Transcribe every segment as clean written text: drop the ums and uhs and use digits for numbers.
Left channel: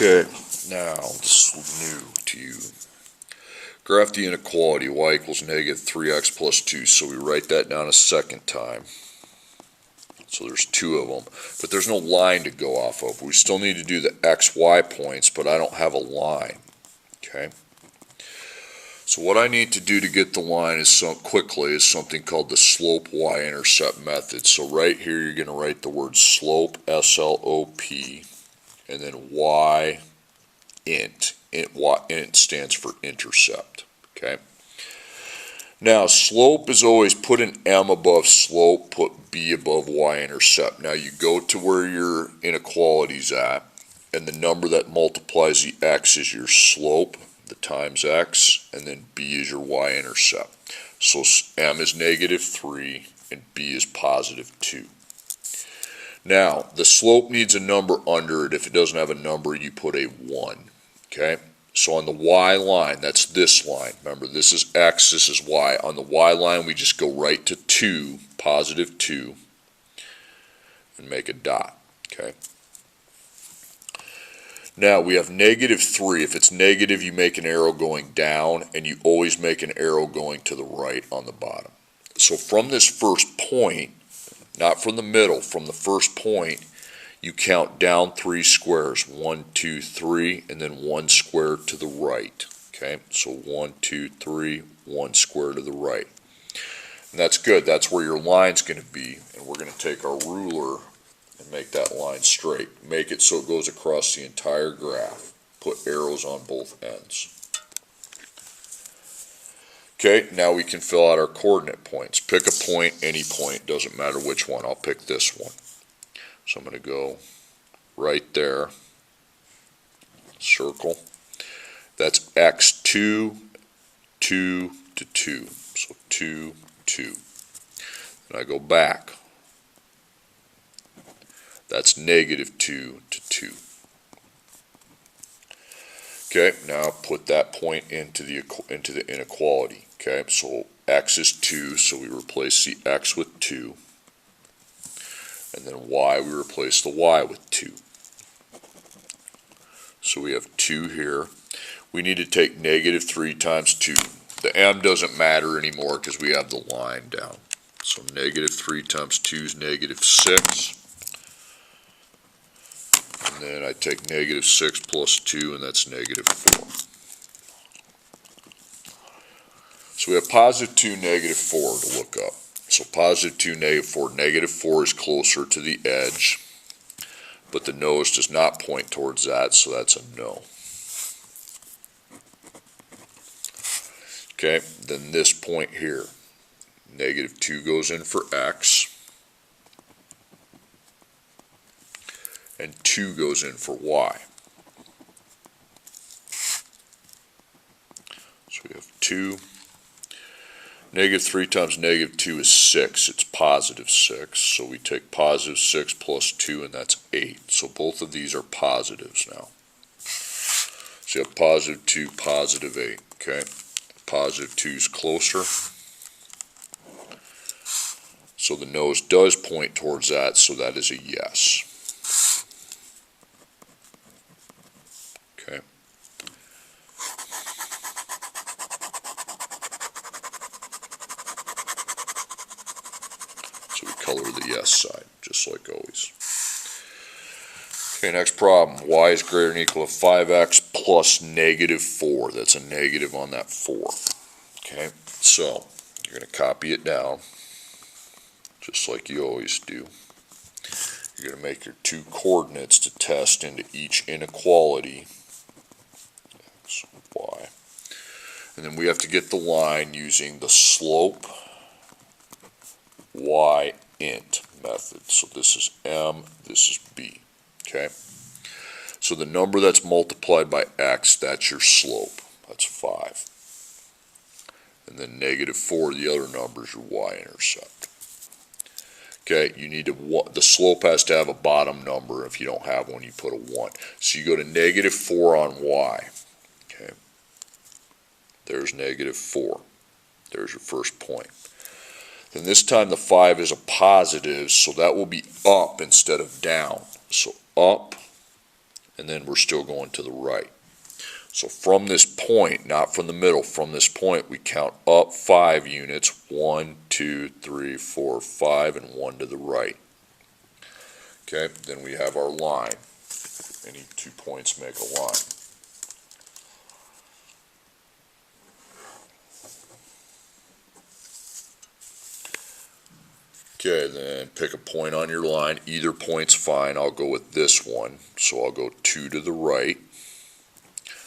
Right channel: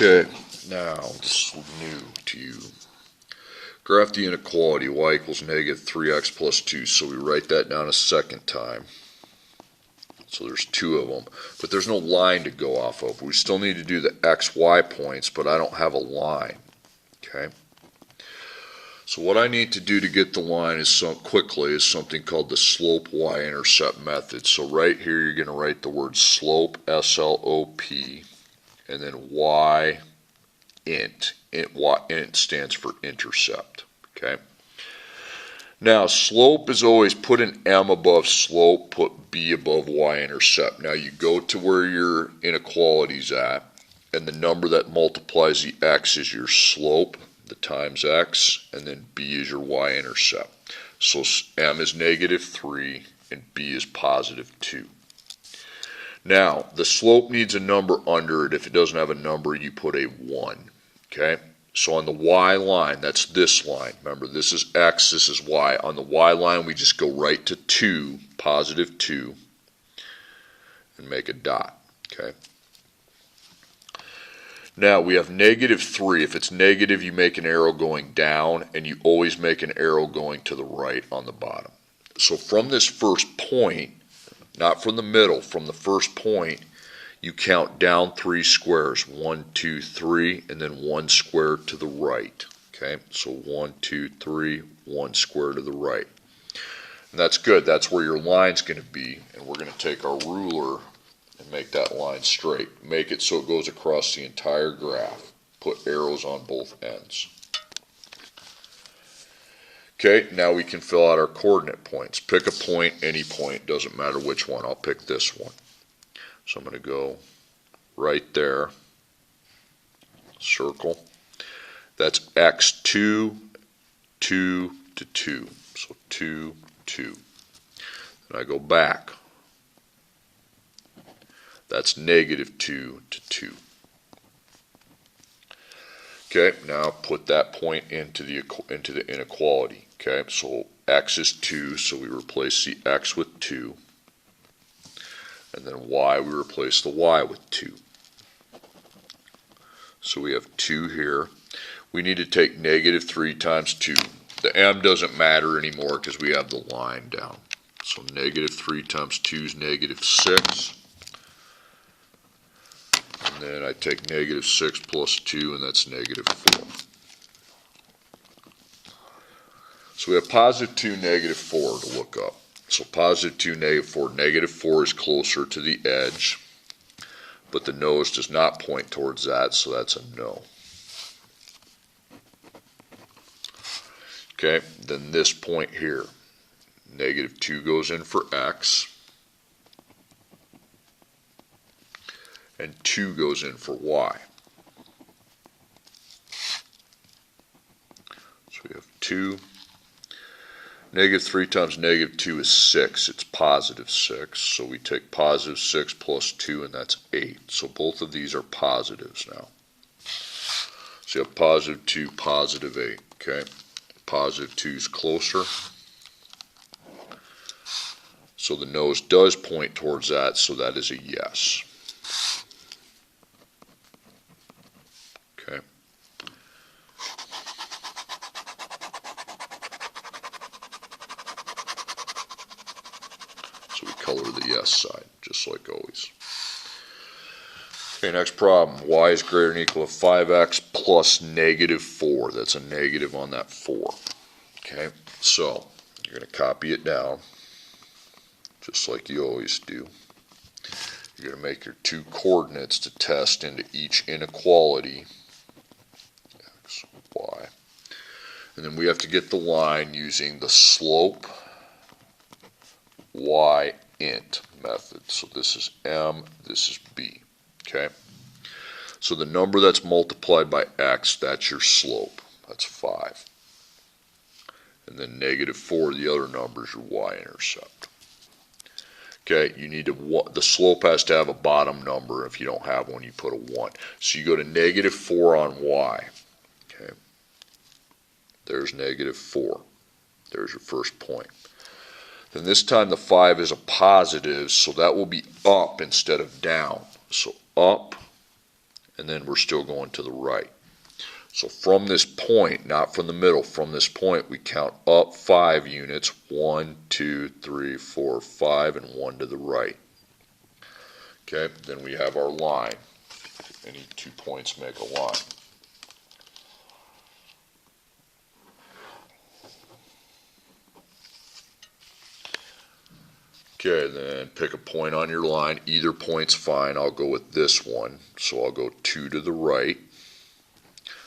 Okay, now this is new to you. Graph the inequality y equals negative 3x plus 2. So we write that down a second time. So there's two of them. But there's no line to go off of. We still need to do the xy points, but I don't have a line. Okay. So what I need to do to get the line is quickly is something called the slope y-intercept method. So right here you're going to write the word slope, S-L-O-P, and then y int. Int stands for intercept. Okay. Now slope is always put an m above slope, put b above y-intercept. Now you go to where your inequality's at, and the number that multiplies the x is your slope, the times x, and then b is your y-intercept. So m is negative 3 and b is positive 2. Now the slope needs a number under it. If it doesn't have a number, you put a 1. Okay, so on the y line, that's this line. Remember, this is x, this is y. On the y line, we just go right to 2, positive 2, and make a dot. Okay. Now we have negative 3. If it's negative, you make an arrow going down, and you always make an arrow going to the right on the bottom. So from this first point, not from the middle, from the first point, you count down 3 squares. 1, 2, 3, and then 1 square to the right. Okay, so 1, 2, 3, 1 square to the right. And that's good. That's where your line's going to be. And we're going to take our ruler and make that line straight. Make it so it goes across the entire graph. Put arrows on both ends. Okay, now we can fill out our coordinate points. Pick a point, any point, doesn't matter which one. I'll pick this one. So I'm going to go right there, circle. That's x2, 2 to 2. So 2, 2. And I go back. That's negative 2 to 2. Okay, now put that point into the inequality. Okay, so x is 2, so we replace the x with 2. And then y, we replace the y with 2. So we have 2 here. We need to take negative 3 times 2. The m doesn't matter anymore because we have the line down. So negative 3 times 2 is negative 6. And then I take negative 6 plus 2, and that's negative 4. So we have positive 2, negative 4 to look up. So positive 2, negative 4. Negative 4 is closer to the edge, but the nose does not point towards that, so that's a no. Okay, then this point here. Negative 2 goes in for x, and 2 goes in for y. So we have 2. Negative 3 times negative 2 is 6. It's positive 6. So we take positive 6 plus 2, and that's 8. So both of these are positives now. So you have positive 2, positive 8. Okay. Positive 2 is closer. So the nose does point towards that, so that is a yes. Okay. So we color the yes side, just like always. Okay, next problem. Y is greater than or equal to 5x plus negative 4. That's a negative on that 4. Okay, so you're going to copy it down, just like you always do. You're going to make your 2 coordinates to test into each inequality, x, y. And then we have to get the line using the slope y int method. So this is m, this is b. Okay, so the number that's multiplied by x, that's your slope. That's 5. And then negative 4, the other number is your y-intercept. Okay, you need to, the slope has to have a bottom number. If you don't have one, you put a 1. So you go to negative 4 on y. Okay, there's negative 4. There's your first point. Then this time the 5 is a positive, so that will be up instead of down. So up and then we're still going to the right. So from this point, not from the middle, from this point, we count up 5 units, 1, 2, 3, 4, 5, and 1 to the right. Okay, then we have our line. Any 2 points make a line. Okay, then pick a point on your line. Either point's fine. I'll go with this one. So I'll go 2 to the right.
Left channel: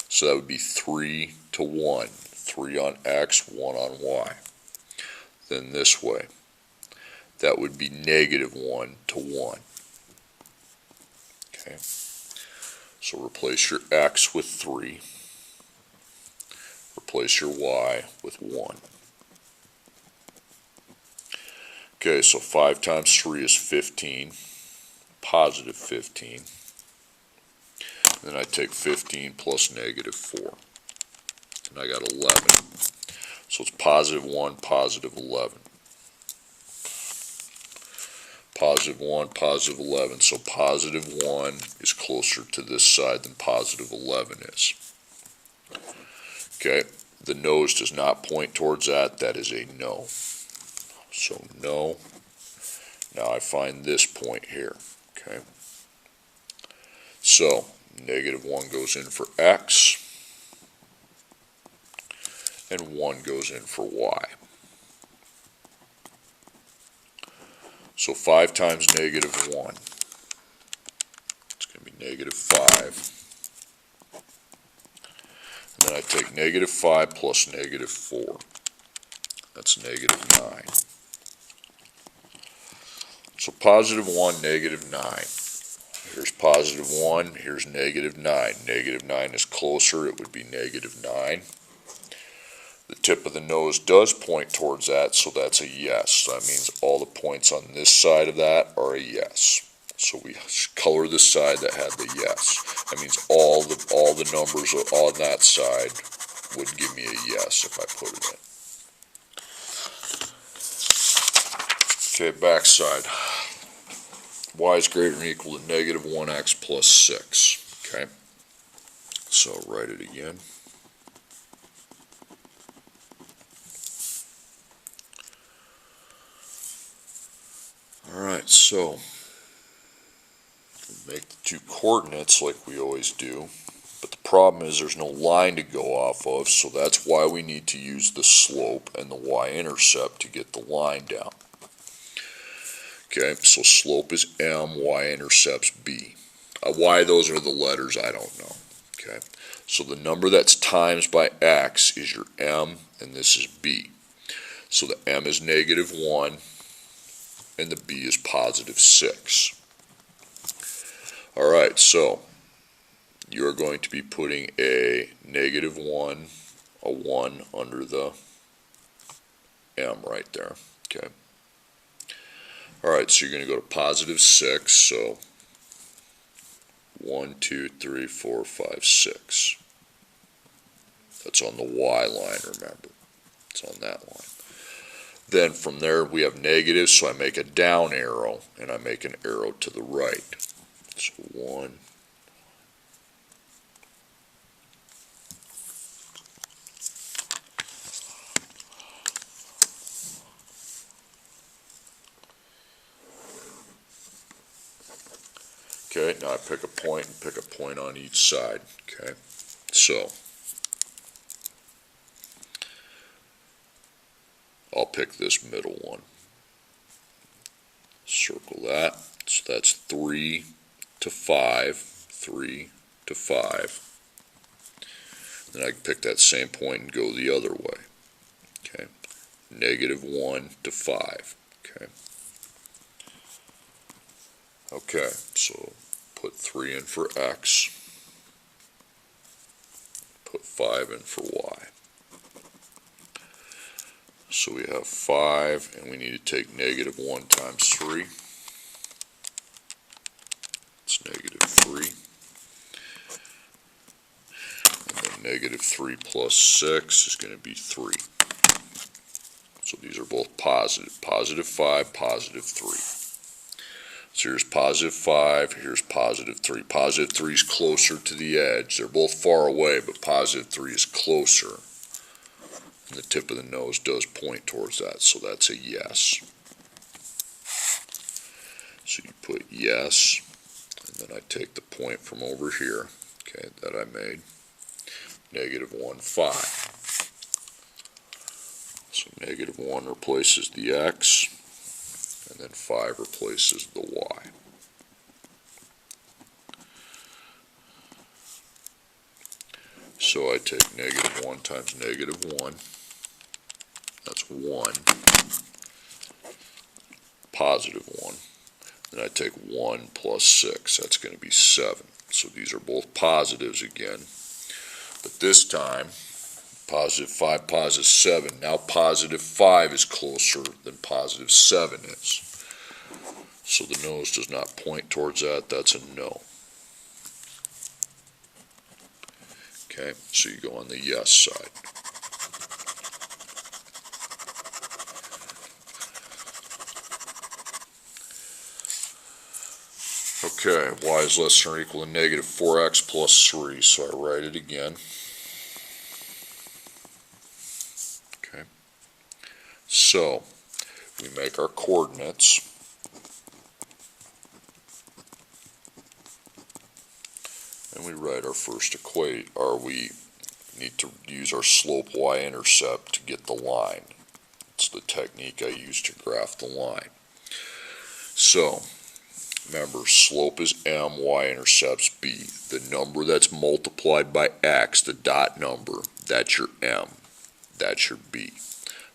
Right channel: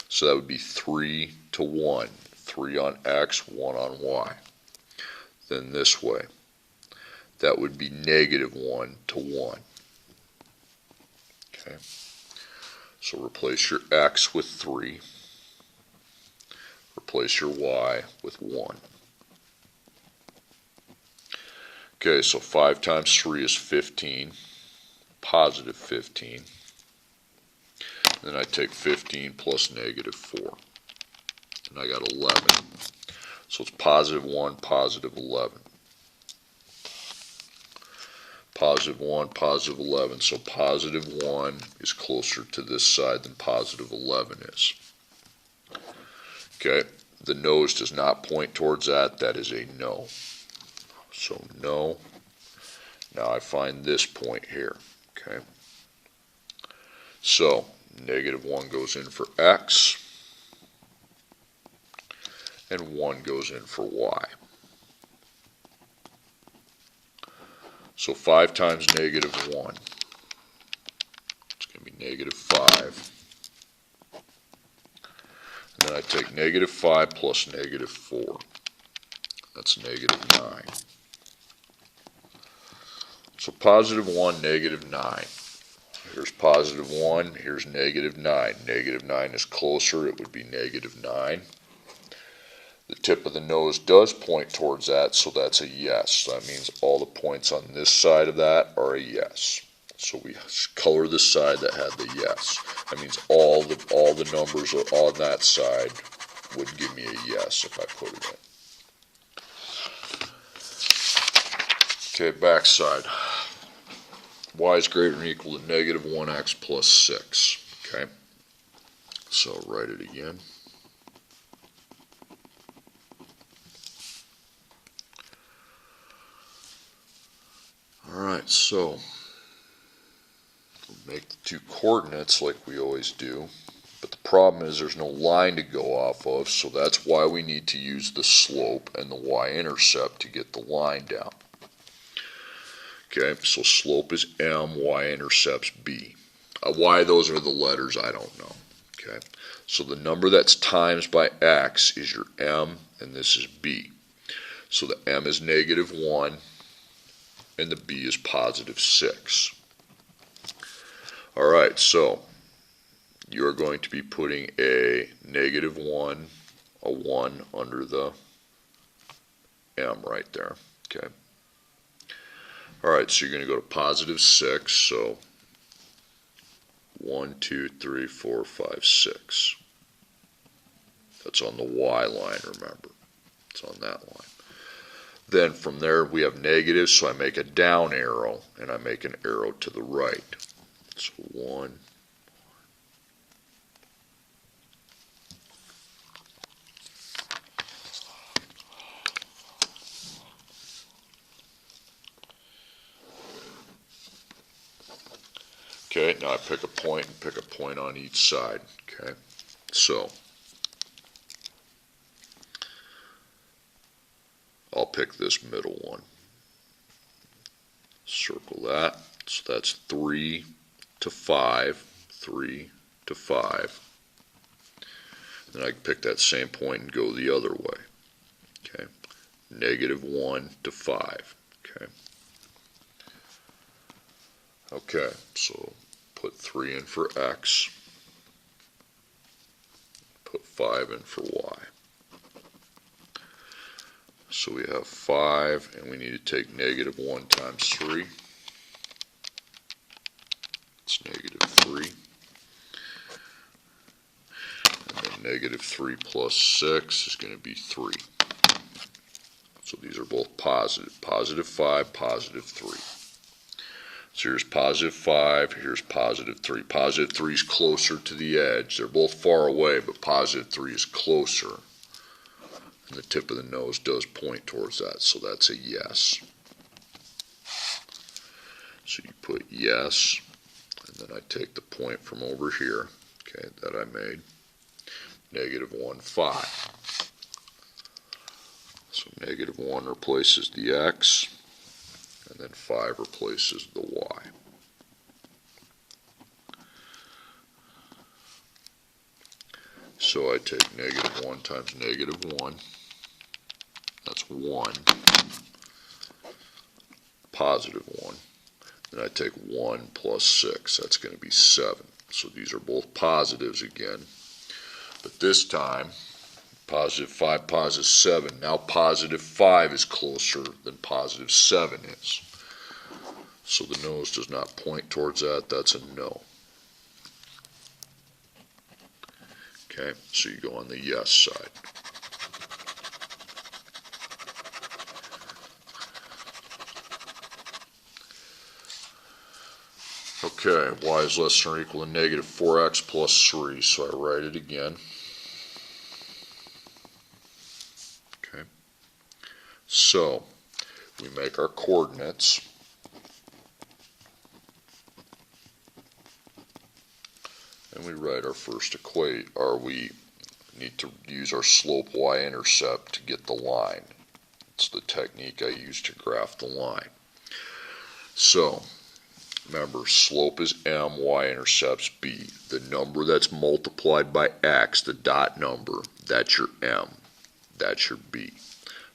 So that would be 3 to 1. 3 on X, 1 on Y. Then this way. That would be -1 to 1. Okay. So replace your X with 3. Replace your Y with 1. Okay, so 5 times 3 is 15, positive 15. Then I take 15 plus -4, and I got 11. So it's +1, +11. +1, +11. So +1 is closer to this side than +11 is. Okay, the nose does not point towards that. That is a no. So no. Now I find this point here. Okay. So -1 goes in for X, and 1 goes in for Y. So 5 times -1. It's going to be -5. And then I take -5 plus -4. That's -9. So +1, -9. Here's +1, here's -9. -9 is closer, it would be -9. The tip of the nose does point towards that, so that's a yes. So that means all the points on this side of that are a yes. So we color the side that had the yes. That means all the numbers on that side would give me a yes if I put it in. Okay, back side. Y is greater than or equal to -1x plus 6. Okay, so write it again. Alright, so make the 2 coordinates like we always do, but the problem is there's no line to go off of, so that's why we need to use the slope and the y-intercept to get the line down. Okay, so slope is M, y-intercept's B. Why those are the letters, I don't know. Okay, so the number that's times by X is your M, and this is B. So the M is -1, and the B is +6. Alright, so you're going to be putting a -1, a 1 under the M right there. Okay. Alright, so you're going to go to +6, so 1, 2, 3, 4, 5, 6. That's on the Y line, remember. It's on that line. Then from there we have negatives, so I make a down arrow, and I make an arrow to the right. So 1. Okay, now I pick a point and pick a point on each side. Okay, so I'll pick this middle one. Circle that. So that's 3 to 5, 3 to 5. Then I can pick that same point and go the other way. Okay, -1 to 5. Okay. Okay, so put 3 in for X, put 5 in for Y. So we have 5, and we need to take -1 times 3. It's -3. And then -3 plus 6 is going to be 3. So these are both positive. +5, +3. So here's positive 5, here's positive 3. Positive 3 is closer to the edge. They're both far away, but positive 3 is closer. And the tip of the nose does point towards that, so that's a yes. So you put yes, and then I take the point from over here, okay, that I made, negative 1, 5. So negative 1 replaces the x, and then 5 replaces the y. So I take negative 1 times negative 1, that's 1, positive 1. Then I take 1 plus 6, that's going to be 7. So these are both positives again. But this time, positive 5, positive 7. Now positive 5 is closer than positive 7 is. So the nose does not point towards that, that's a no. Okay, so you go on the yes side. Okay, y is less than or equal to negative 4x plus 3, so I write it again. Okay, so we make our coordinates. And we write our first equation, or we need to use our slope y-intercept to get the line. It's the technique I use to graph the line. So, remember, slope is m, y-intercept's b. The number that's multiplied by x, the dot number, that's your m. That's your b.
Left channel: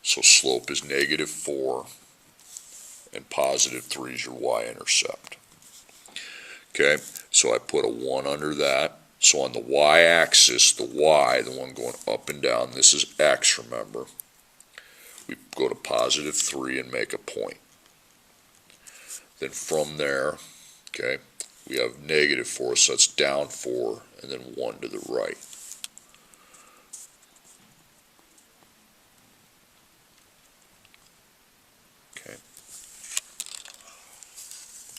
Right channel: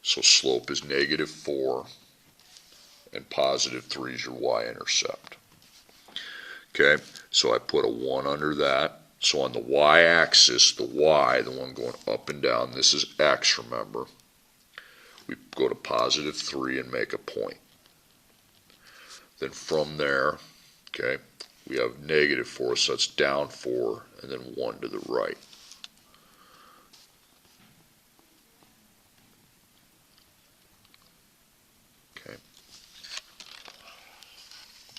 So slope is negative 4, and positive 3 is your y-intercept. Okay, so I put a 1 under that. So on the y-axis, the y, the one going up and down, this is x, remember. We go to positive 3 and make a point. Then from there, okay, we have negative 4, so that's down 4, and then 1 to the right. Okay.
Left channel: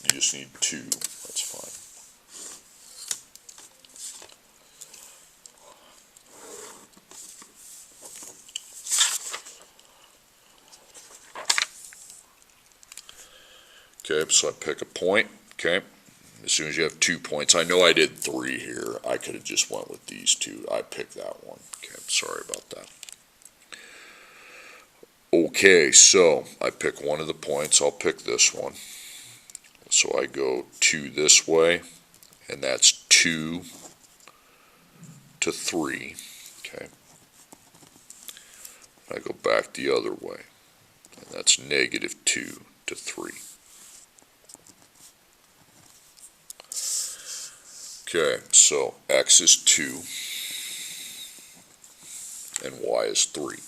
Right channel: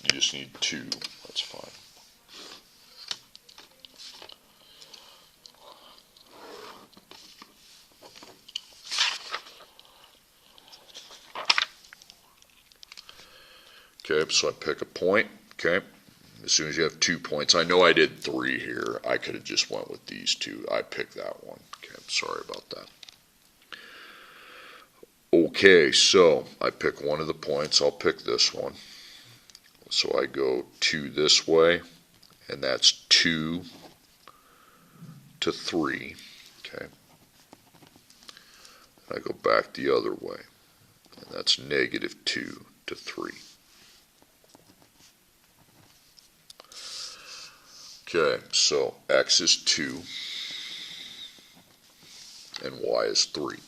You just need 2, that's fine. Okay, so I pick a point, okay, as soon as you have 2 points. I know I did 3 here. I could have just went with these 2. I picked that one. Okay, I'm sorry about that. Okay, so I pick one of the points. I'll pick this one. So I go 2 this way, and that's 2 to 3, okay. And I go back the other way, and that's negative 2 to 3. Okay, so x is 2 and y is 3.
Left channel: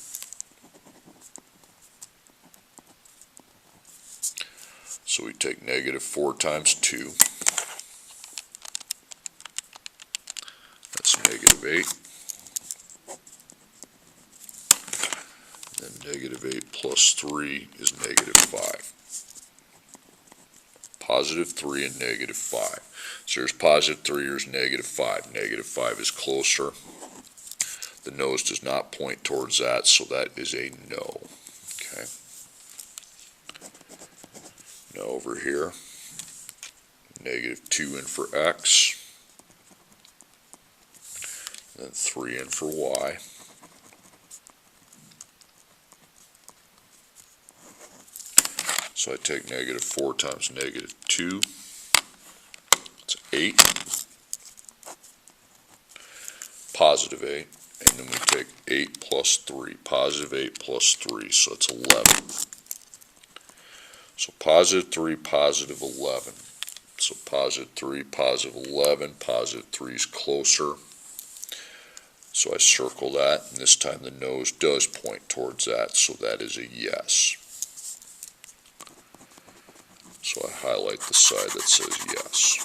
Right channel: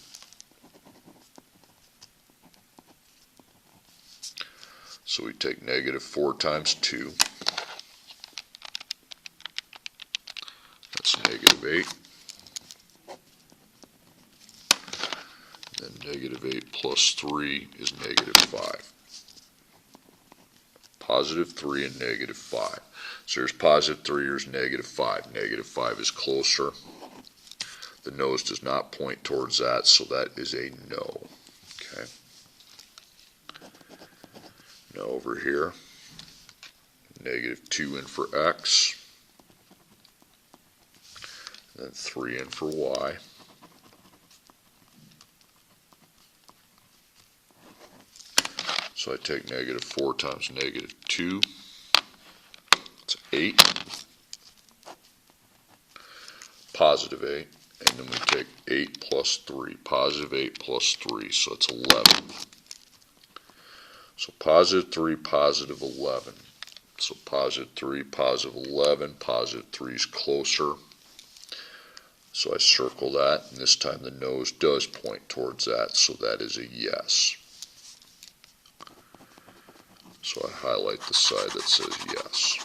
So we take negative 4 times 2, that's negative 8. Then negative 8 plus 3 is negative 5. Positive 3 and negative 5. So here's positive 3, here's negative 5. Negative 5 is closer. The nose does not point towards that, so that is a no. Okay. Now over here, negative 2 in for x, and then 3 in for y. So I take negative 4 times negative 2, it's 8, positive 8, and then we take 8 plus 3, positive 8 plus 3, so it's 11. So positive 3, positive 11. So positive 3, positive 11, positive 3 is closer. So I circle that, and this time the nose does point towards that, so that is a yes. So I highlight the side that says yes.